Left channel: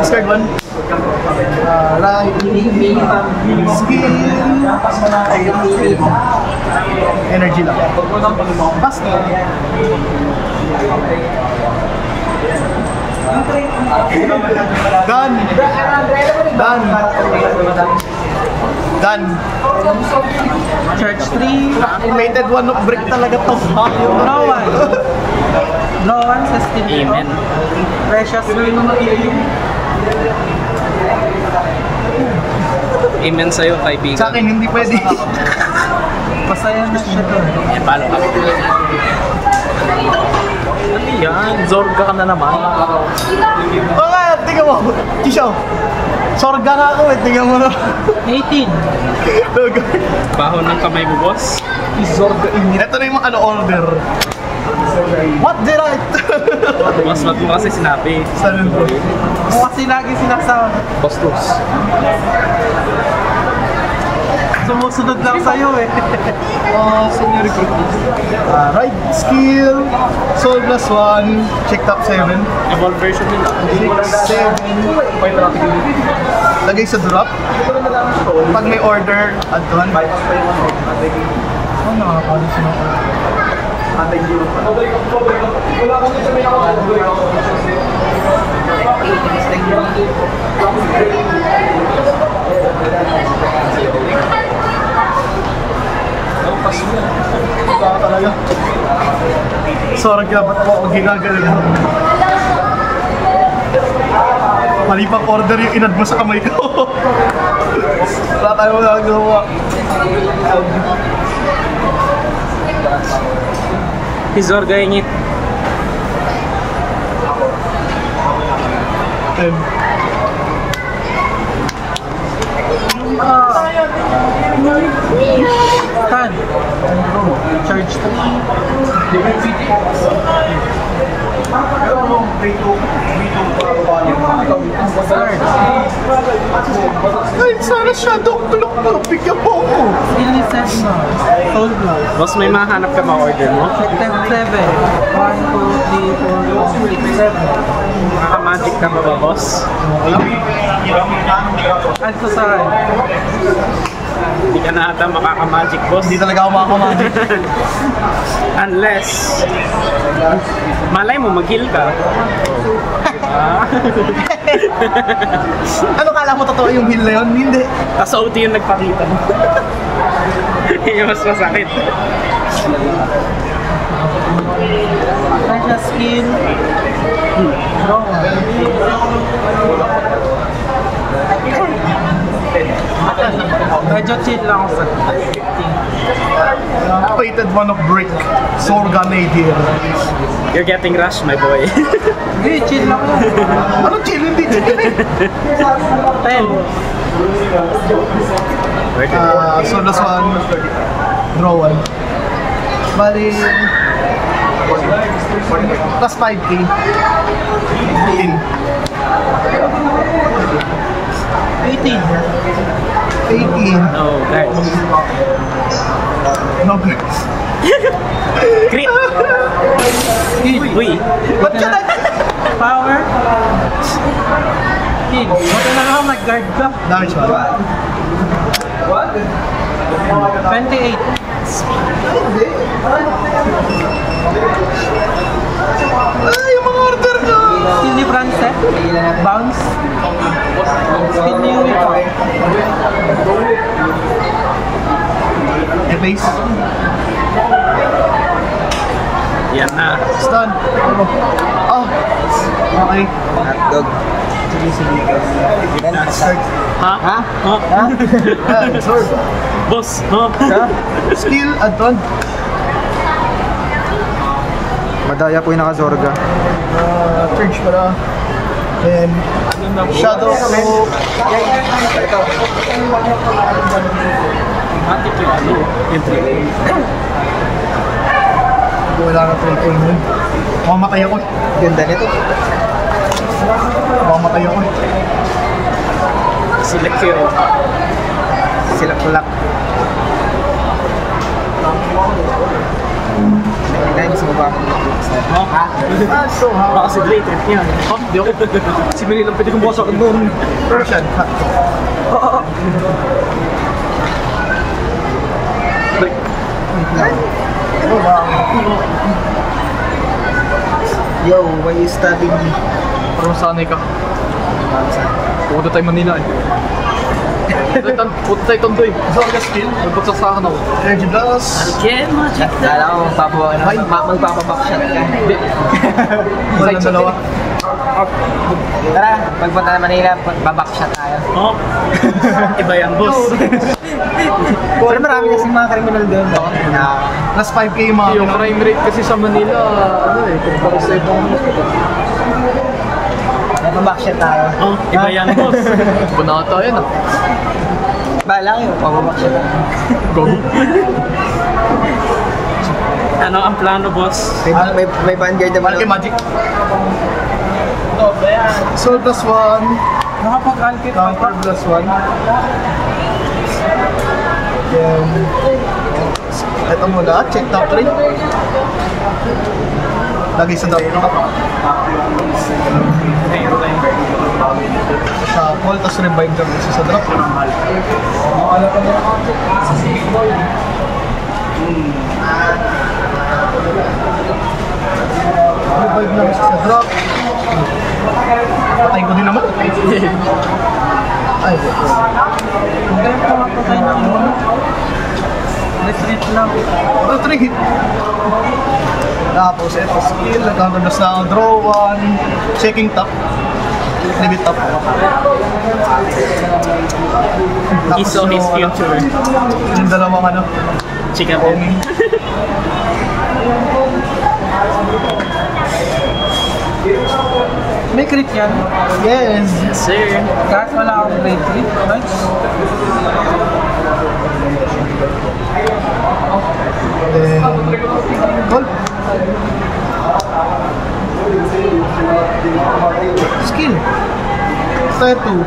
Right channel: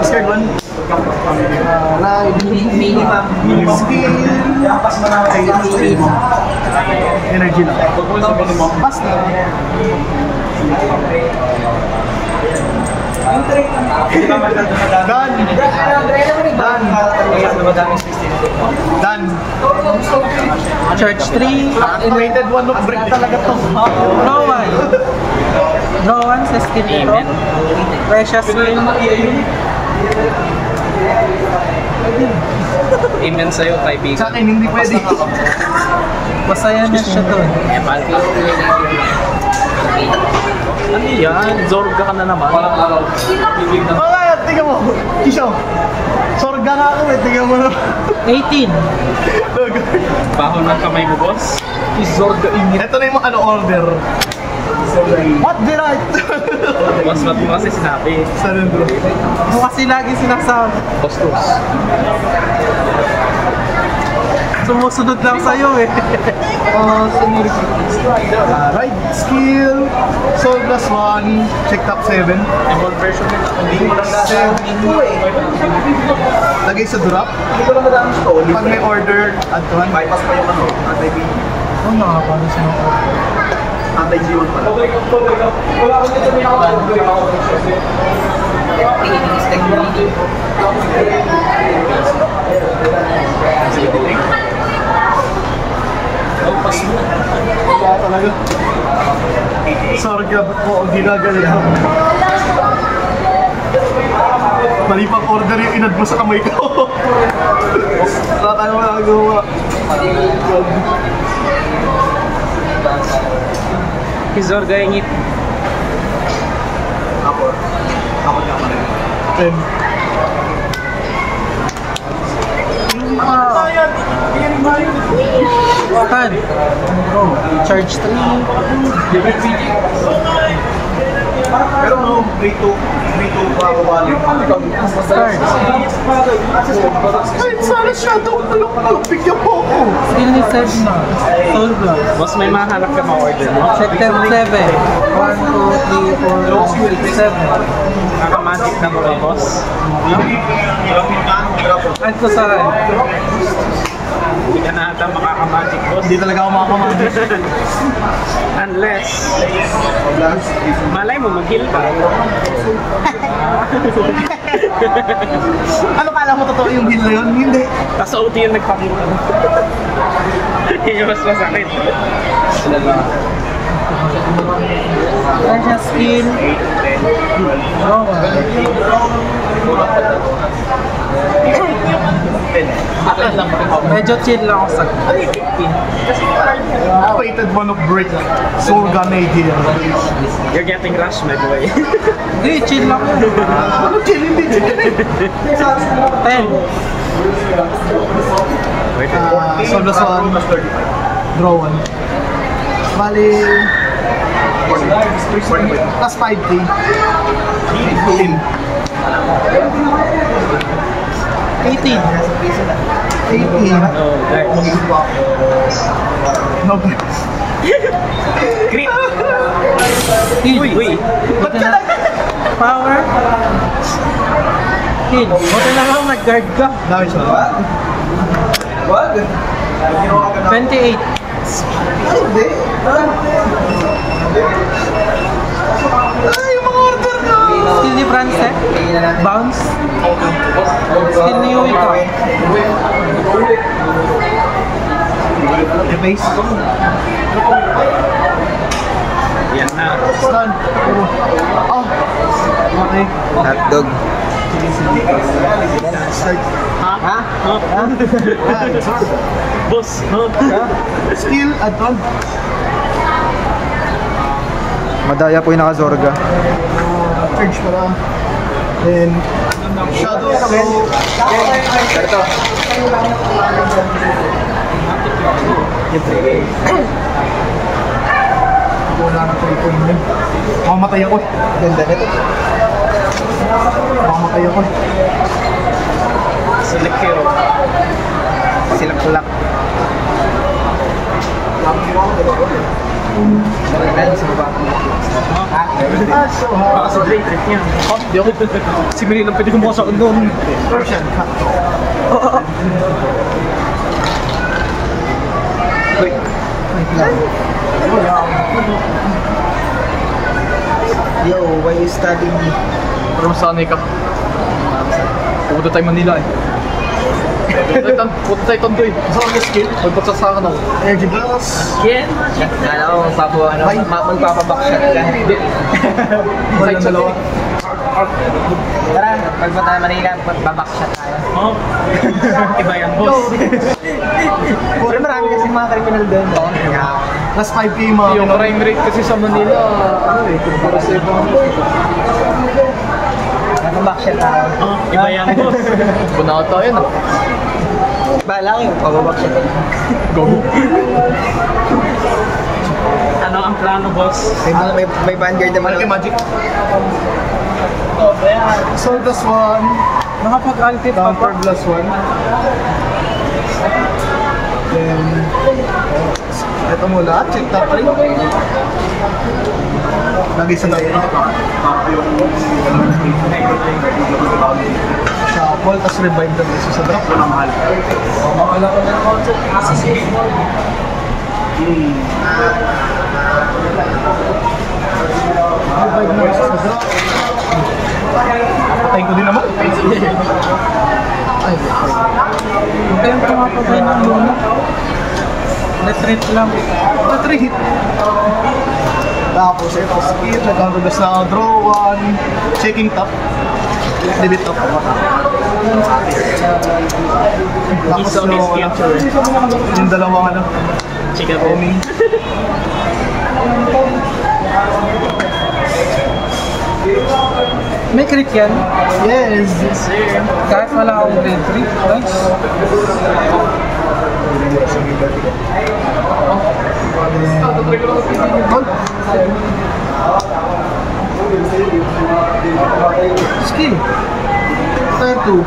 Scared one. Skill. Energy lang. Basta. Done. Done. Church 3. Related one of break talaga to. Draw 1. Draw 1 sa Steam Pro. Precious Spring. Amen sa'yo, kaibigan. Sa akin, hindi pwede. Masaya na siya doon. Ano yan? Zorga ka na naman. Oh, tingnan mo. Tisho. Sorga na ako eh. Tingnan mo na. 18. Baho ng kamay mo, boss. Zorga ingin. Ito na yung mga order. What the right? Boss, wag mo kasi sinabi. Sabi mo. Kasi lagi sinasabi. Bastos. Sumusunod lang sa'yo eh. Senior recruit. Right skill. Soul plus 1. Check top 7. Evolve version nila. 7. Lagay sa drop. Pag may order, add to 1. Oh, nakakalis na ako. Sorry ka, ba't po ang ginagawa mo? Mali pang order yung inad mo sa kamay ko. Wala tayo magagawa. Zorga yung it. Stan. Charge 3. Ay, sana shadow block mo. Bigyan mo ako. Skill ni 7 na. Soul Block. Boss, may mahanap ka ma-order mo? Check tab 7. 1, 2, 3, 4, 5, 6, 7. Naka-magic na ba, boss? Add ko sa red. Hindi ka na ata makaka-magic, boss. Hindi talaga ako makakuha. Unless, malay mo, mag-heal ka. Ano kala mo totoo yung heal na yun? Hindi. Tapos OT yung nagpakita mo. Yun yung mas masakit. Precious skill. Draw 1. Medyo chill lang ako sa Fated one of brick. Sorga Nadir. You're getting rushed, my boy. Hindi, chill lang ako. Ano chill? Hindi chill. 10. Solos 1. Draw 1. Bali. Plus 5k. 15. 18. 18. No, guys. No birds. Crit! Heal. Uy! Ba't ka na? Power. Heal. Buti lang ako nag-guard ka. Damage ba? 28. Hindi. Ay, yung mga order na. Skill ni Francet. Bounce. Skill ni Wika. E-base. Yan na. Stun. Oh. Okay. Hotdog. Sige. Start. Ha? Ha? Yan, sword. Boss, no? Skill, add-on. Madaya po yung naka-Zorga. Charge para. Then, shadow. Ito. Wala na ito ito. Mamamatay ako. Ganda nito. Mamatay ako. Sila Kiro. Sila kulak. Guys, So hard. Baka si Dre trip niya. Di ako. siguro lang pwede kumasok doon. Persian. Yo, why you studying? Parang sanay ka. Pupunta tayo Manila eh. Pupunta tayo Tondo eh. Zorga skill. Magpagsasakan ako. Energy blast. Again, magic. Nala ko magpapabackshot ka. Hindi. Wala Side shot dalawa. eh. Tara, pagpunta na Manila, babackshot tayo. Oh. Iba yan, boss. Pero marami kasi mga criminal doon. Last 5k mga Yung crime rate kasi sa Manila, ano eh, kumpara sa ibang Babackshot tayo. Oh, iba yan, boss. Bunata yan ah. Bahala ko yung pababackshot tayo. Gogo. Ano ang plano, boss? May vanguard naman. Okay, magic. So plus 1. Nakapag-alkit Counter plus 1. Then, ito muna. Check top 3. Lagi sa top 3. Shuffle, tapos revive ka isa sa drop. Revive na isa sa drop. Patayin ko din naman. Ay, Ganito nga po din ang na-treat lang. ito 3 hit. Tapos ito skill, natanggal na sa draw 1, shaking top, debit top. Tapos He's on his future. yung dalawang ano, Chika homing. May crit yan. Yes! Sir. Kahit wala akong grade 3. Nice. Then, gold. Skill. Tier 2.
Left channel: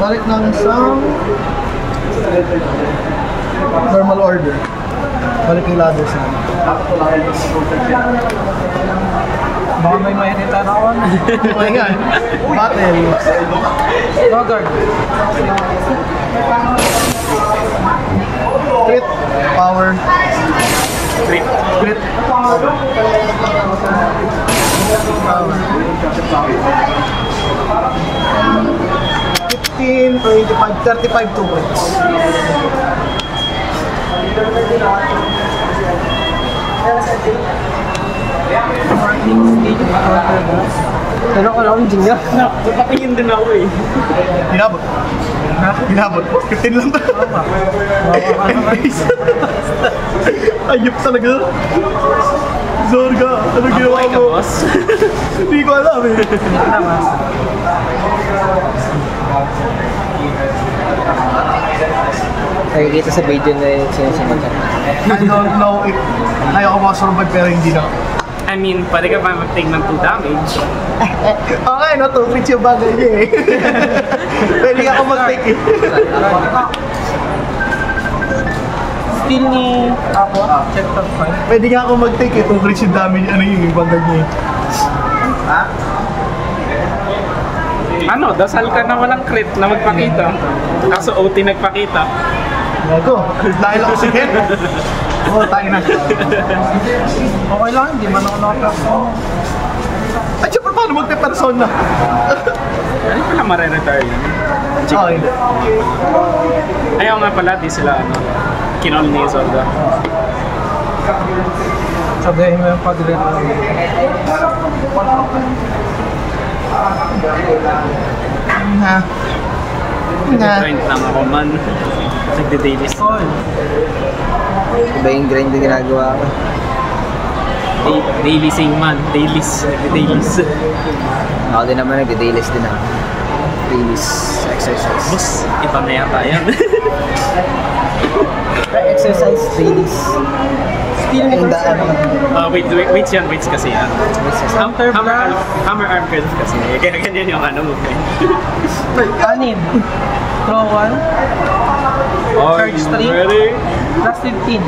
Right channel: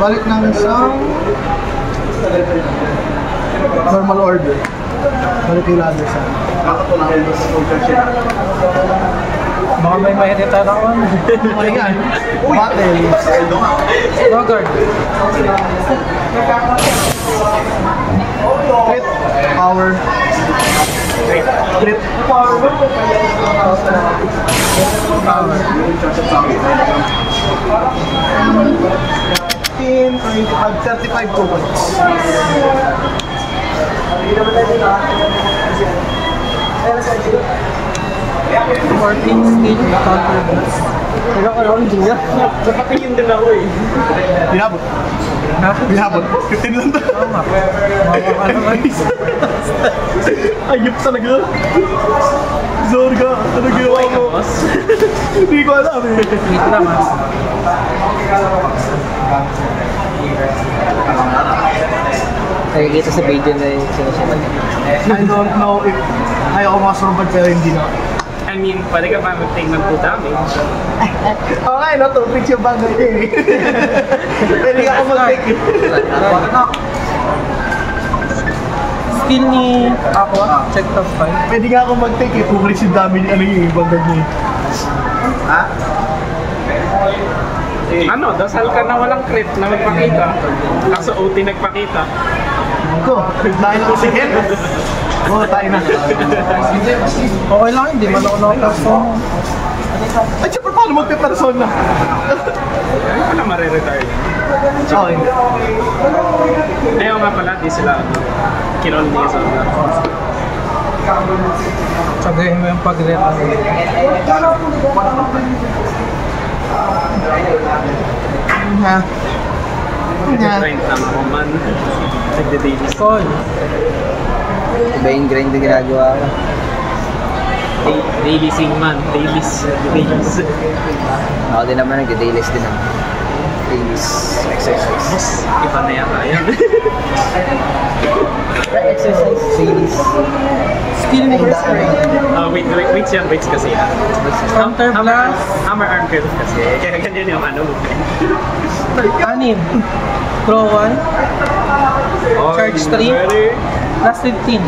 Balik ng isang normal order. Balik kay ladder sa Baka may retire ako. okay nga. Battle. Logard. Crit. Power. Great. Crit. 15, 25, 35 points. Pero ko lang din yan. Napatingin din ako eh. Binabot. Binabot. 15 lang to. Ayop talaga. Zorga, ano ginawa Okay ka, mo? boss. Hindi ko alam eh. Nakikita sa video na yung sinusunod niya. I don't know if kaya ko makasurvive pero hindi na. I mean, pwede ka pa mag-take ng 2 damage. Okay, no? 2 fix yung bagay niya eh. Pwede ka ako mag-take eh. Skill ni Aqua, check top 5. Pwede nga ako mag-take eh. 2 fix yung damage, ano yung bagay niya eh. Ano, dasal ka na walang crit na magpakita. Kaso OT nagpakita. Ako, dahil ako si Head. Oo, tayo na. Okay lang, hindi man ako nakaperson. At syempre, paano magpe-persona? Ano pala mare-retire yun? Okay. Ayaw nga pala, di sila kinol ni Zonda. Sabihin mo yung pag-retire. Ha? Nag-grind lang ako man. Nagde-dailies. Call. Iba yung grind na ginagawa ko. Daily sing man. Dailies. Nagde-dailies. Ako din naman nag-dailies din ako. Dailies exercise. Boss, iba na yata yan. Exercise dailies. Skill ni person. Weights yan, weights kasi yan. Center blast. Hammer arm curl kasi. Kaya ganyan yung ano mo. Anib. Draw 1. Charge 3. Plus 15.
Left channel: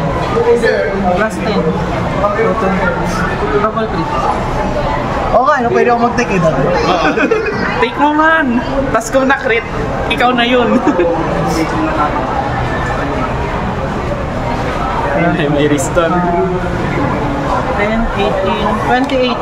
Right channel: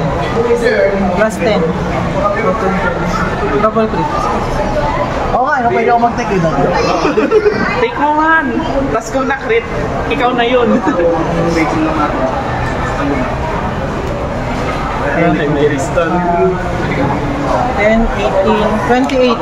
Plus 10. Draw 20. Double click. Okay, no, pwede ako mag-take it. Take mo man. Tapos kung na-crit, ikaw na yun. Ay, may restore. 10, 18, 28.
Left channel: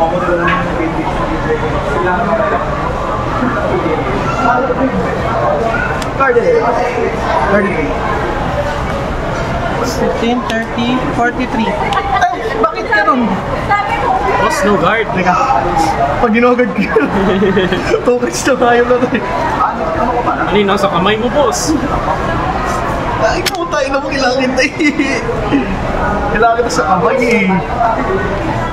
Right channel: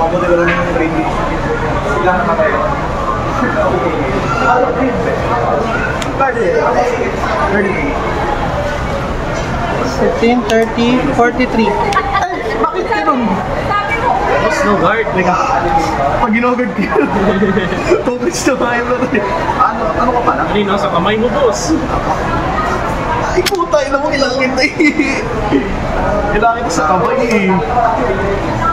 $15, 30, 43. Bakit ka ron? Tapos no guard. Teka, pag ginugad ko yun, tokens na tayo na rin. Ano yun, nasa kamay mo, boss? Ay, puta, ina mo, kailangan kita eh. Kailangan kita sa kamay eh.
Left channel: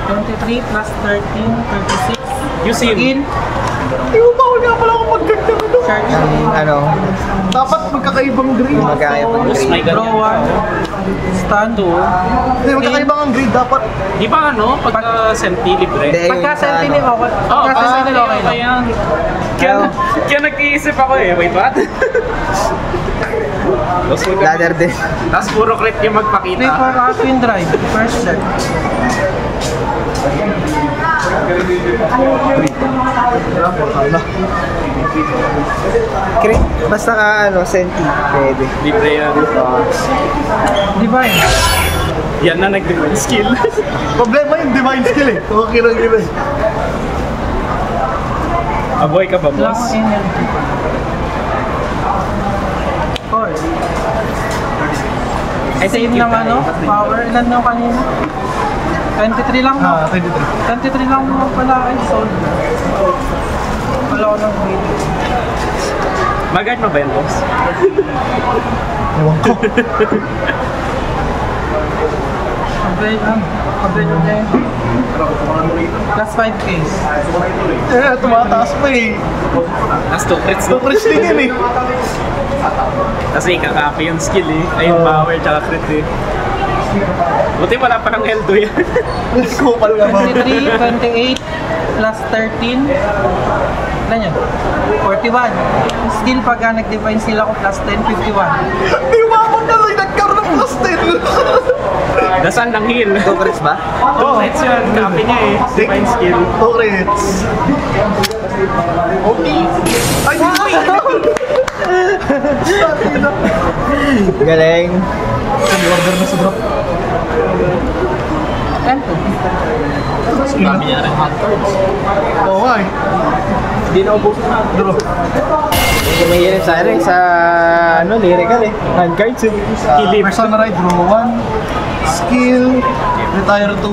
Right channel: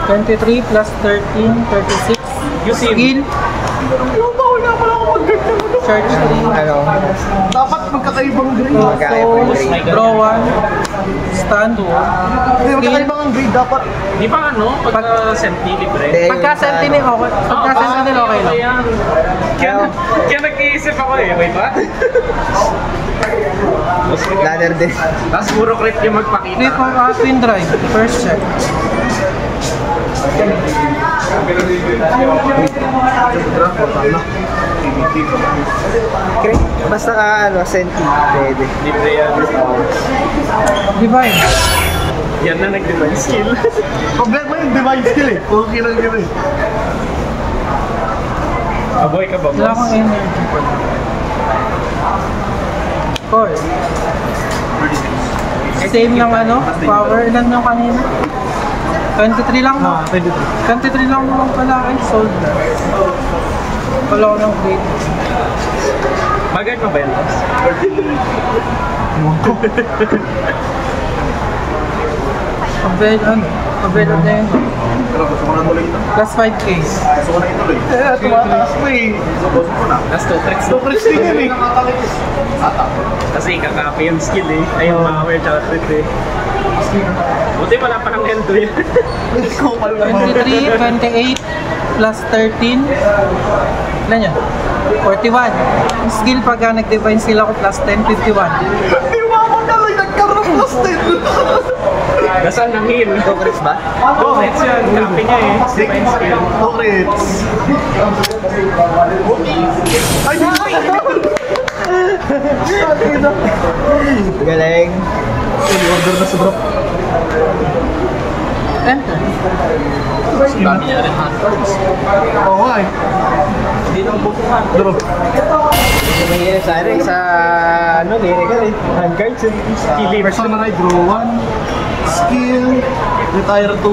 23 plus 13, 36. You see, Skill. Ay, bawal nga pala ako mag-ganda mo. Charge 3. Ano? Dapat magkakaibang grade. Magkakaibang So, grade. draw 1. Stand 2. Hindi, magkakaibang ang grade dapat. di ba ano, pagka senti libre? Hindi. Pagka sentinel okay. Pagka sentinel okay lang. Ayan. Kaya nag-iisip ako eh. Wait, what? Ladder din. Tapos puro crit yung magpakita. Click for twin drive. First check. Basta ka ano, senti. Pwede. Libre yan. Divine. Yan na nag-divine skill. Problema yung divine skill eh. Okay lang yun eh. Aboy ka ba, Wala boss? akong energy. Force. Same ng ano, power. Ilan yung kanina? 23 lang mo. Ah, 23. 23 lang naman pala ay sold. Wala ko ng grade. Magard mo ba yun, boss? Avail na yun. Plus 5k. Eh, tumataas pa eh. Nas 2 crits. Tokens din yun eh. Kasi kakapi yung skill eh. Ay, yung power tsaka crit eh. Buti wala pa ng Eldo yan. Kupal nga. 23, 28, plus 13. Ilan yun? 41. Skill pagka nag-define skill ako plus 10, 51. Di ba ako na nagkaroon ng plus 10? Nasaan ng heal? Tokens ba? Oh, it's yun. Kapi niya eh. Divine skill. Tokens. Ay, Galing. order na si bro. Tempo. Dami niya rin hot cards. Oo nga eh. Hindi na ubos yung hot Draw. Kasi mahirap sa ano, sa ano, lyrical eh. Handcards eh. First samurai, draw 1. Skill. Retire 2.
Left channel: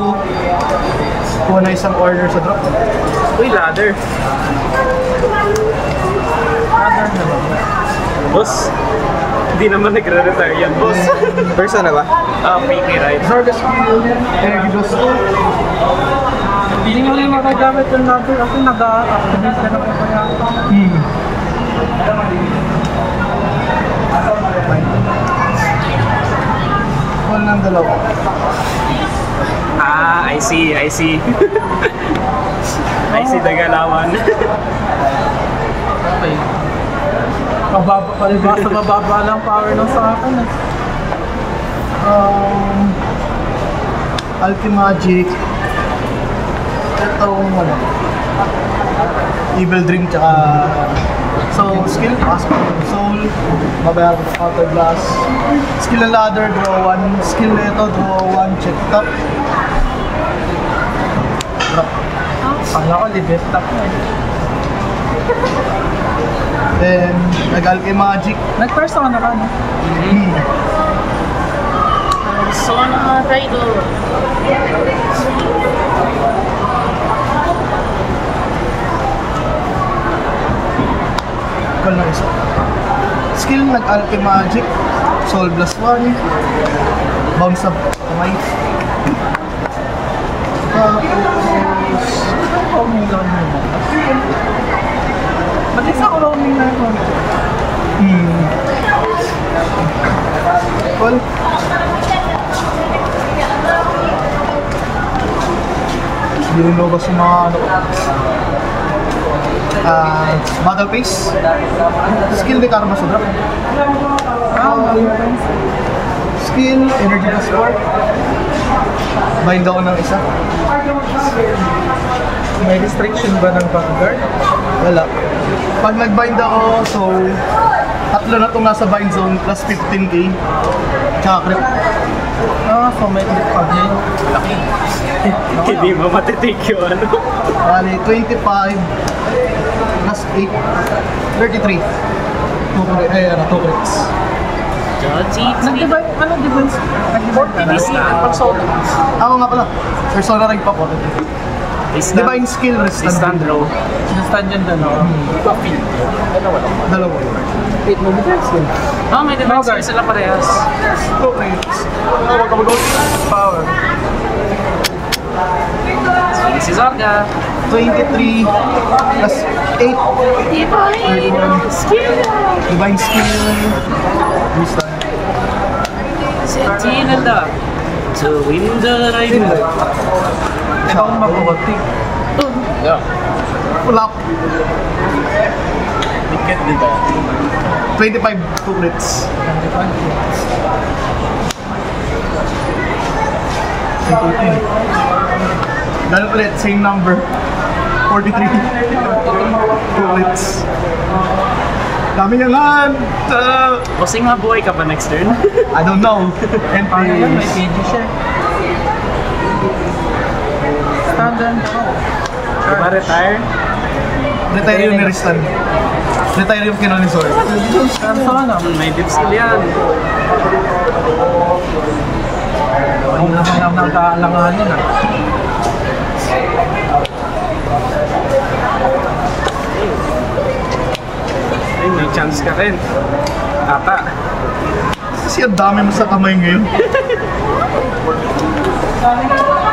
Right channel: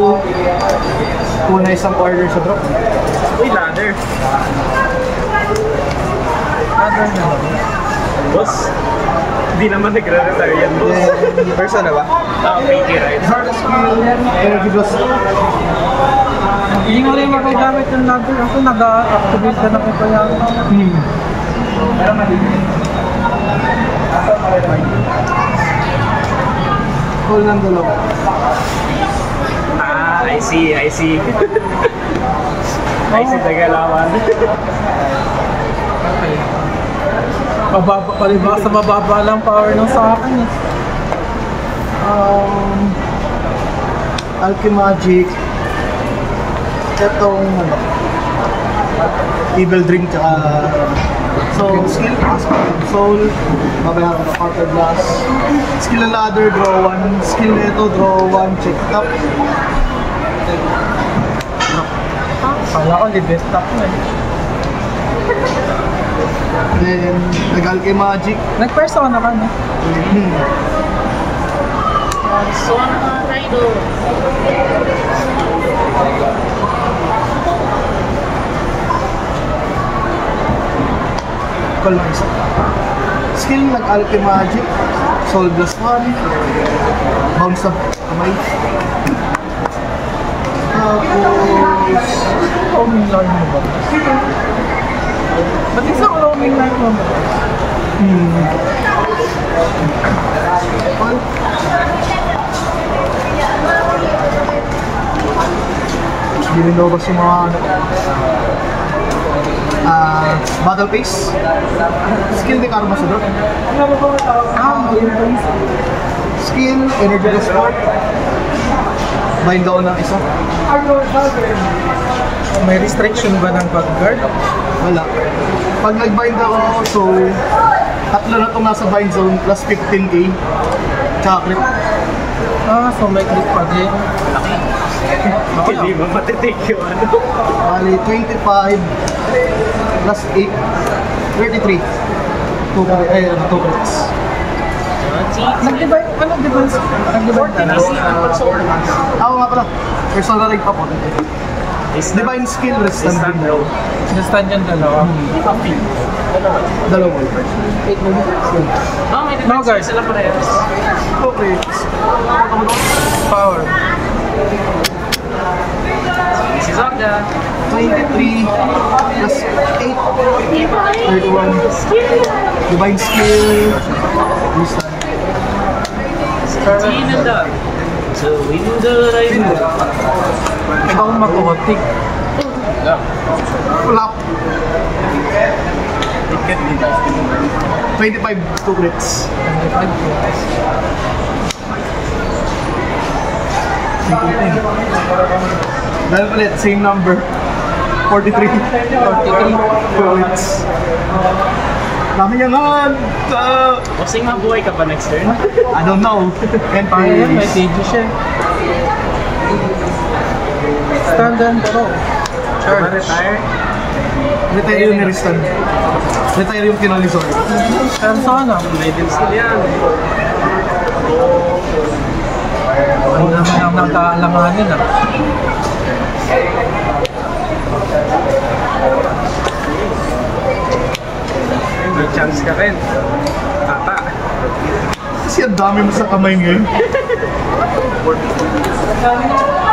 Kuha na isang order sa drop. Uy, ladder. Boss, hindi naman nagre-retire yan, boss. First ano ba? Ah, okay, right. Start the skill. Energy draws 2. Hindi nga rin makagamit yung ladder. Ako nag-activate ka na ko kaya. Call ng dalawa. Ah, I see, I see. I see the galawan. Mababa, palibasa mababa lang power nung sa akin eh. Alchemagic. Itong ano, Evil Dream tsaka so skill, aspect of soul, mabayaran ko counter blast. Skill na ladder, draw 1. Skill na ito, draw 1, check top. Kala ko libet top na eh. Then, nag-Alchemagic. Nag-persona ka no? So, ano nga, Rider? Call na isa. Skill, nag-Alchemagic. Soul Blast 1. Bounce up, might. Tapos, Roaming lang mo ba? Ba't isang roaming lang mo? Call. Hindi rin lumabas yung mga battle pace. Skill de karma sa drop. Skill, energy transport. Bind down ng isa. May restriction ba ng pag-guard? Wala. Pag nag-bind ako, so tatlo na ito nasa bind zone plus 15k. Tsaka crit. So may clip pa din. Hindi mo matitake yung ano. Bali, 25 plus 8, 33. 2 crits. Nag-divide, ano divide? Nag-divide ka na? Ako nga pala. Persona rig pa po. Divine skill, restant blow. Sinistan yung dalawa. Dalawa. 8 mo May defense sila parehas. 2 crits. Power. Si Zarga. 23 plus 8, 31. Divine skill. Restant. Tinanda. To win the rain. Ikaw ang mag-ulti. Flop. Ticket nito. 25, 2 crits. 15. Dahil ulit, same number. 43. 2 crits. Dami niya nga. Kasi nga buhay ka pa next turn. I don't know. And Paano yan? May PG siya. Stand and draw. Retire. retire yung niristan. Retire yung kinolisor. Kanso ano? May dim skill yan. Hindi na mga magkaalangan yun ah. Ay, may chance ka rin. Tata. Kasi ang dami mo sa kamay ngayon.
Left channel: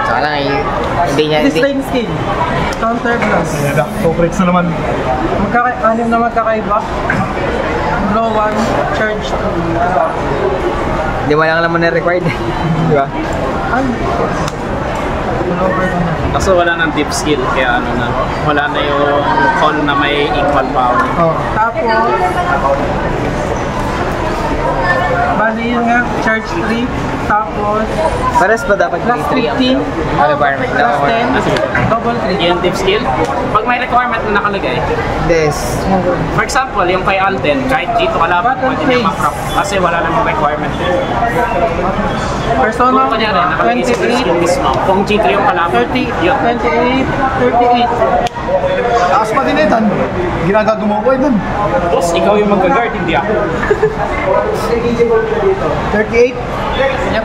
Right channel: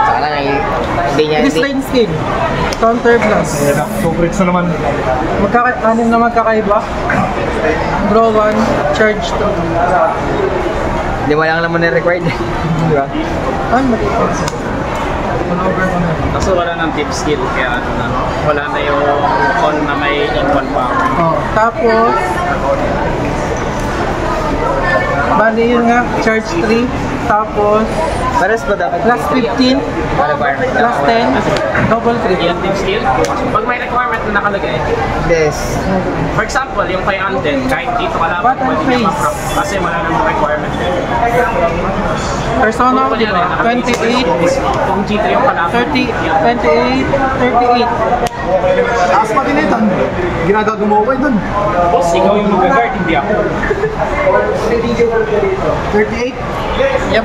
Sana hindi niya, This line skill. Counter blast. Corporates na naman. Anim na magkakaiba. Draw 1, charge 2. hindi mo lang naman na-required. Di ba? Ay, Kaso wala nang deep skill, kaya ano na, wala na yung all na may equal power. Oh. tapos, bali yun nga, charge 3. Tapos, Pares ba dapat plus 15, requirement plus 10, double crit. Yung deep skill, pag may requirement na nakalagay, Des. for example, yung kay Alden, kahit dito ka lang, Button pwede niya face. mag-drop kasi wala namang requirement. Persona, Kung kunyari, nakalagay sa 28, skill, kung G3 yung kalaban, 30, 28, 38. Taas pa din itan. Ginagagawa ko dun. tapos ikaw yung mag-guard, hindi ako. 38. Yep.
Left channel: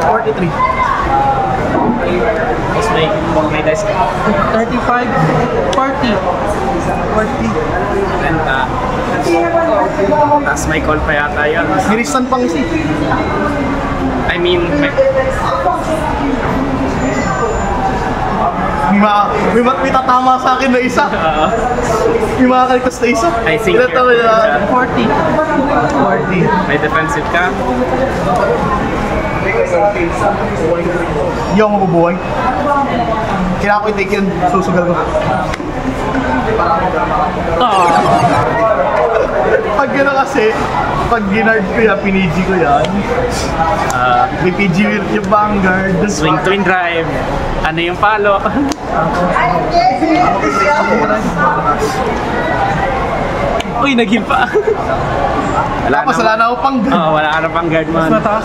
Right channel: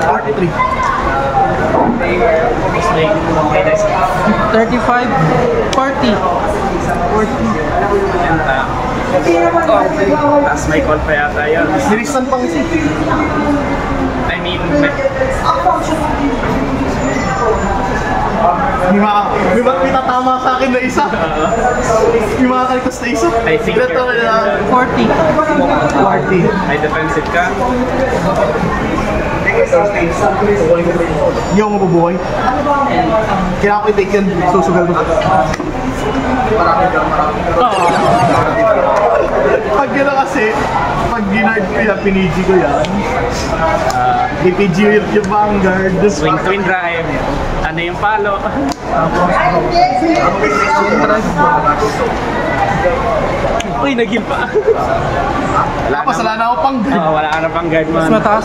43. Tapos may dice. 35, 40. Benta. Tapos may call pa yata yun. Niristan pang si. I mean, May tatama sa akin na isa. May mga kalkos na isa. I think Ito you're- na 40. 40. may defensive ka. Hindi ako mabubuhay. Kailangan ko i-take yun. Susugal ko. Pag yun na kasi, pag ginard ko yan, piniji ko yan. IPG yung Vanguard. Swing twin drive. Ano yung palo? Uy, naging pa. Tapos wala na ako pang guard. Oo, wala ka na pang guard man. Mas mataas